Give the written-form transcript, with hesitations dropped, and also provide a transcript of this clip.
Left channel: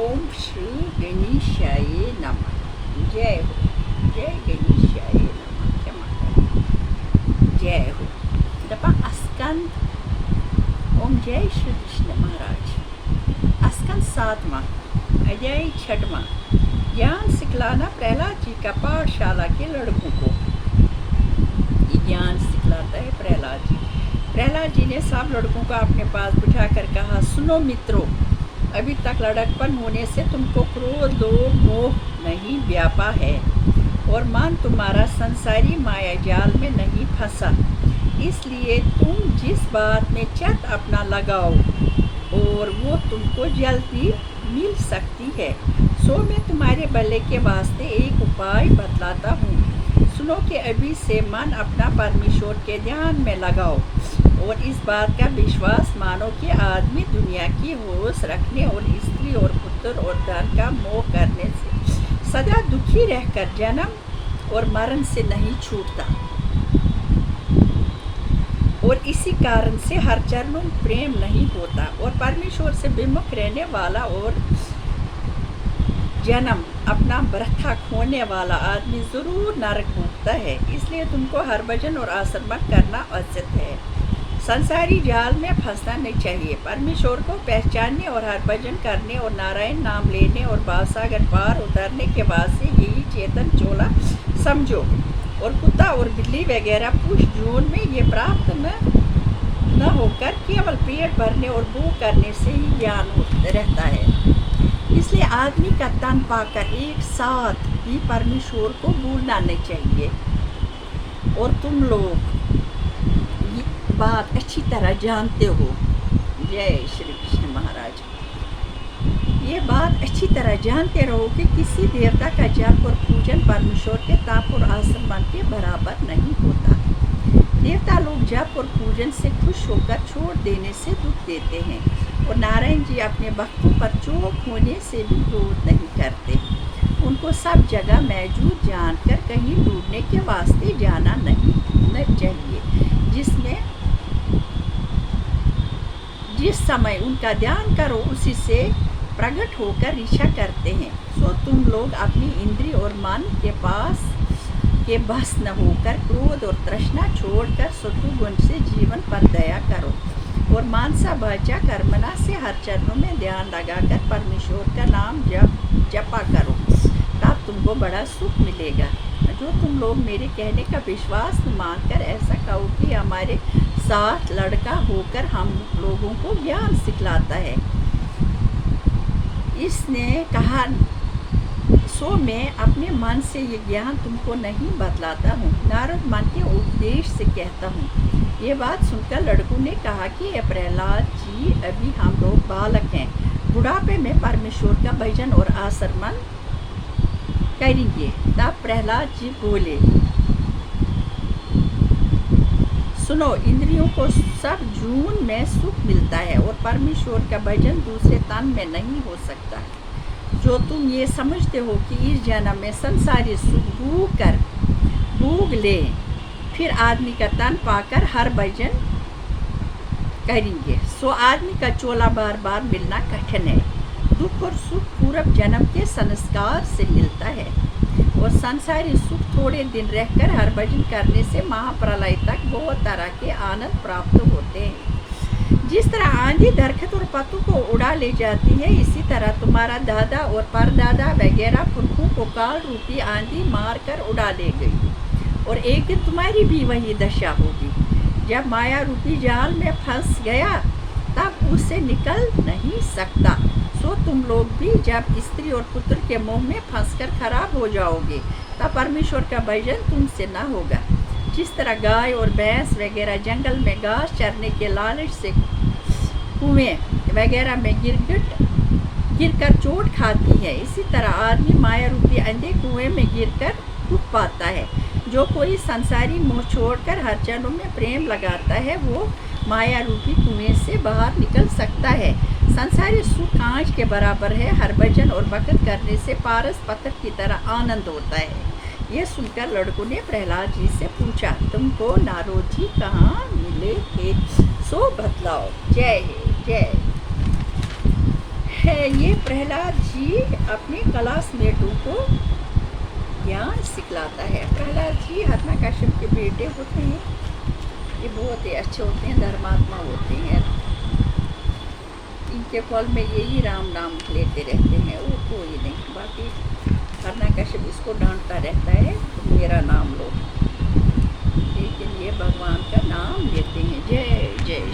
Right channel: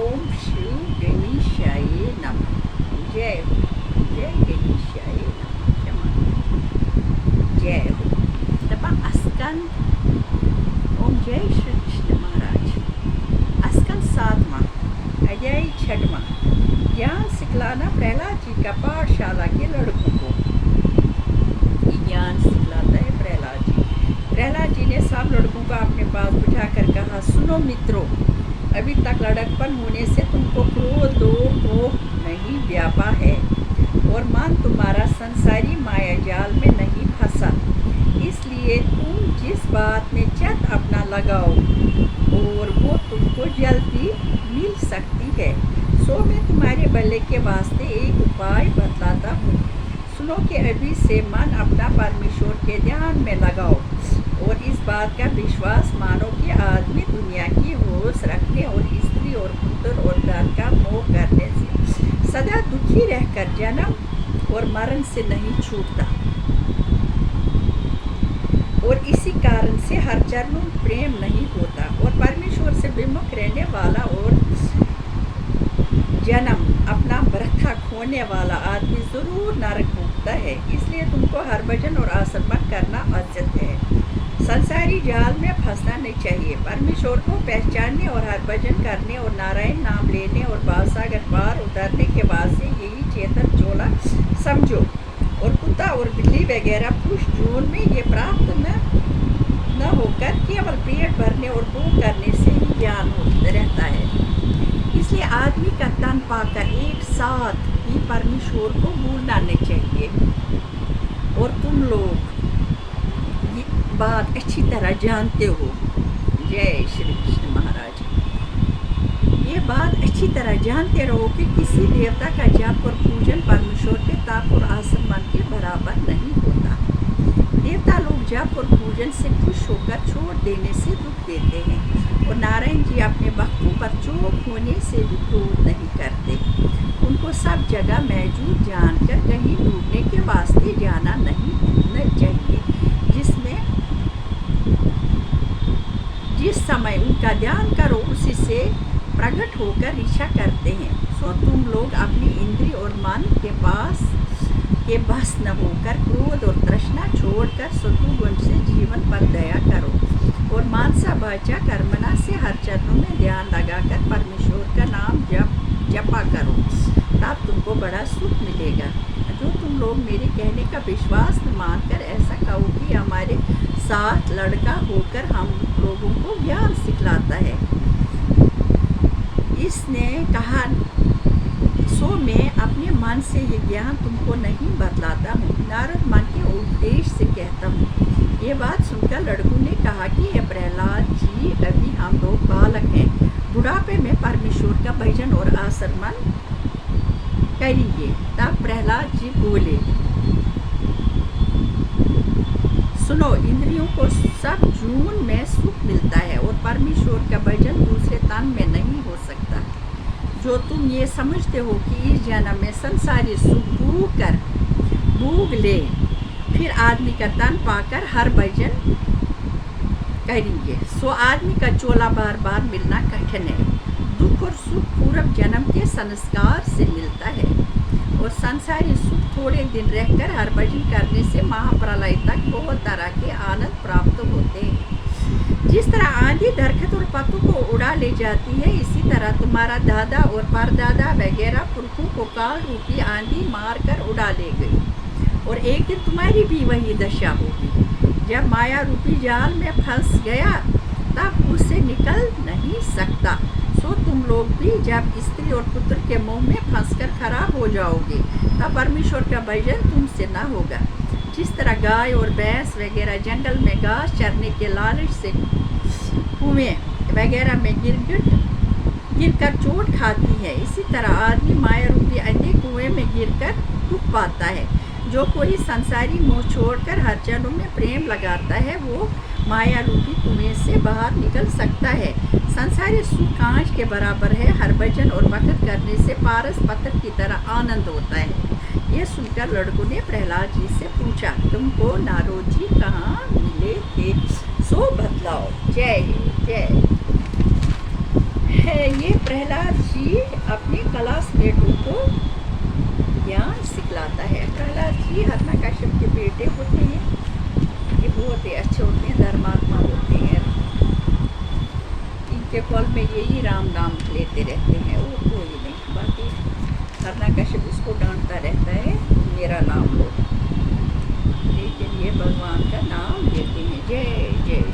ओम श्री गणेशाय नमः। जय हो, जय गणेशाय नमः। जय हो तपा स्कंद। ओम जय श्री कृष्ण महाराज। स्कंद 7वां, अध्याय 6वां। ज्ञान सिखलाना प्रहलाद जी का पाठशाला के लड़कों को। ज्ञान सिखलाता है प्रहलाद जी। प्रहलाद जी ने सब लड़कों को अपने पास बिठाकर कहा, सुनो मित्रों, अभी तक लड़कपन होने से तुमको क्रोध, लोभ, मोह नहीं व्यापा है और मन तुम्हारा संसारी माया जाल में नहीं फंसा। इसलिए तुम जिस बात में चित्त अपना लगाओ और वो तुमको जल्दी मिल सकती है, सो मैं तुम्हारे भले के वास्ते एक उपाय बतलाता हूँ। सुनो कि अभी से मन अपना परमेश्वर के ध्यान में लगाओ और इस बात का विश्वास मानो कि आदमी दुनिया की होश रखने और स्त्री और पुत्र और धन का मोह करने से सदा दुखी रहकर जन्म और मरण से नहीं छूटता और इसी कारण से हर चरणों में प्रेम नहीं होता और परमेश्वर से विमुख रहने वाला और जन्म अपना वृथा खोने वाला आदमी जरूर नरक भोगता है। इसलिए तुमको हरभजन और आसरमन करना आवश्यक है। संसारी जाल में फंसना नहीं चाहिए। परमेश्वर को पहचानने और हरभजन करने और नारायण नाम लेने और बालसागर पार उतरने के बाद से यही चेतन चोला समझो। और कुत्ता और बिल्ली वगैरह पुरुष जीवन में ये प्राप्त न होकर केवल पेट भरने और भूख करने से ही ज्ञान रहता है। इसलिए आदमी का तन पाकर एक साथ ही परमेश्वर को भूलना नहीं चाहिए। और तुम लोग ये बात अच्छी तरह जानते हो। जय श्री कृष्ण महाराज। ये बात अच्छी तरह जानते रहो कि किसी देवता का जप और पूजन परमेश्वर के ताप और आसमान के बराबर नहीं होता। देवता लोग जप और पूजन से खुश होकर छोड़ देने से दुख देते हैं और नारायण जी अपने भक्तों पर चौक होने से भी क्रोध नहीं करते। उनको सब जगह मौजूद जानकर कहीं डूबने के वास्ते जाना नहीं चाहिए। जिस समय उनका ध्यान करो उसी से प्रकट होकर इच्छा करते हैं। सो तुम लोग अपनी इंद्रिय और मन के बस न होकर क्रोध और तृष्णा छोड़कर सत्वगुण से जीवन पर दया करो और मानसा वाचा कर्मणा से हर चरणों में ध्यान लगाकर परमेश्वर का नाम जपा करो। तब तुमको बड़ा सुख मिलेगा। जो तुम लोग मेरे कहने का विश्वास मानकर ऐसा कहो कि हमारे साथ लड़का होकर हम लोगों को ज्ञान सिखलाता है। इसने कहा, सो मैं अपने मन से ये ज्ञान तुमको नहीं बतलाता हूँ, नारद मन के उपदेश से कहता हूँ। ये बात सुनकर लड़कों ने कहा कि ये प्रहलाद जी, अभी हम लोग बालक हैं, बुढ़ापे में परमेश्वर का भजन और आसरमन करेंगे। तब प्रहलाद जी बोले, सुनो, इंद्रियों को सब जून में सुख मिलता है और परमेश्वर का भजन दूसरे तन में नहीं हो सकता। जो तुम ये समझते हो कि इस जन्म में संसारी सुख भूग ले, फिर आदमी का तन पाकर हर भजन करेंगे, सो आदमी का चोला बार बार मिलना कठिन है। दुख और सुख पूर्व जन्म के संस्कार से मिलता है और संसारी सुख थोड़े दिन रहकर हर भजन करने से महाप्रलय तक बहुत तरह के आनंद प्राप्त होते हैं। जिस तरह आंधी दरख्त और पत्तों को उड़ा ले जाती है, इसी तरह तुम्हारा दादा और परदादा वगैरह पुरखों को काल रूपी आंधी मार कर उड़ा ले गई और एक दिन तुम्हारी भी वही दशा होगी। जब माया रूपी जाल में फंस गया तब उससे निकल नहीं सकता। सो तुम लोग भी जब स्त्री और पुत्र के मोह में फंसकर खराब हो जाओगे तब परमेश्वर का भजन तुमसे न होगा। जिस तरह गाय और भैंस वगैरह जंगल में घास चरने के लालच से कुएं वगैरह में गिरकर चोट खाती है, इसी तरह आदमी माया रूपी अंधे कुएं में गिरकर दुख पाता है। जो कोई संसारी मोह छोड़कर हर चरणों में प्रेम लगाता है, वो माया रूपी कुएं से बाहर निकल सकता है। संसारी सुख कांच के बराबर है। हर भजन और भक्त करने से पारस पत्थर की तरह आनंद होता है। ये सुनकर लड़कों ने प्रहलाद जी से पूछा, तुमको नारद जी कहाँ मिले थे, सो बतलाओ। जय जय। है ये प्रहलाद जी अपने क्लासमेटों को ज्ञान सिखलाता है। प्रहलाद जी हिरण्यकश्यप के बेटे होते हैं। ये बहुत ही अच्छे होते हैं, धर्मात्मा होते हैं। इनके कॉल में यही राम नाम लेते रहते हैं और कोई नहीं। बाकी हिरण्यकश्यप इसको डांटता रहता है मेरा नाम लो, लेकिन ये भगवान का नाम लेते हैं। जय जय।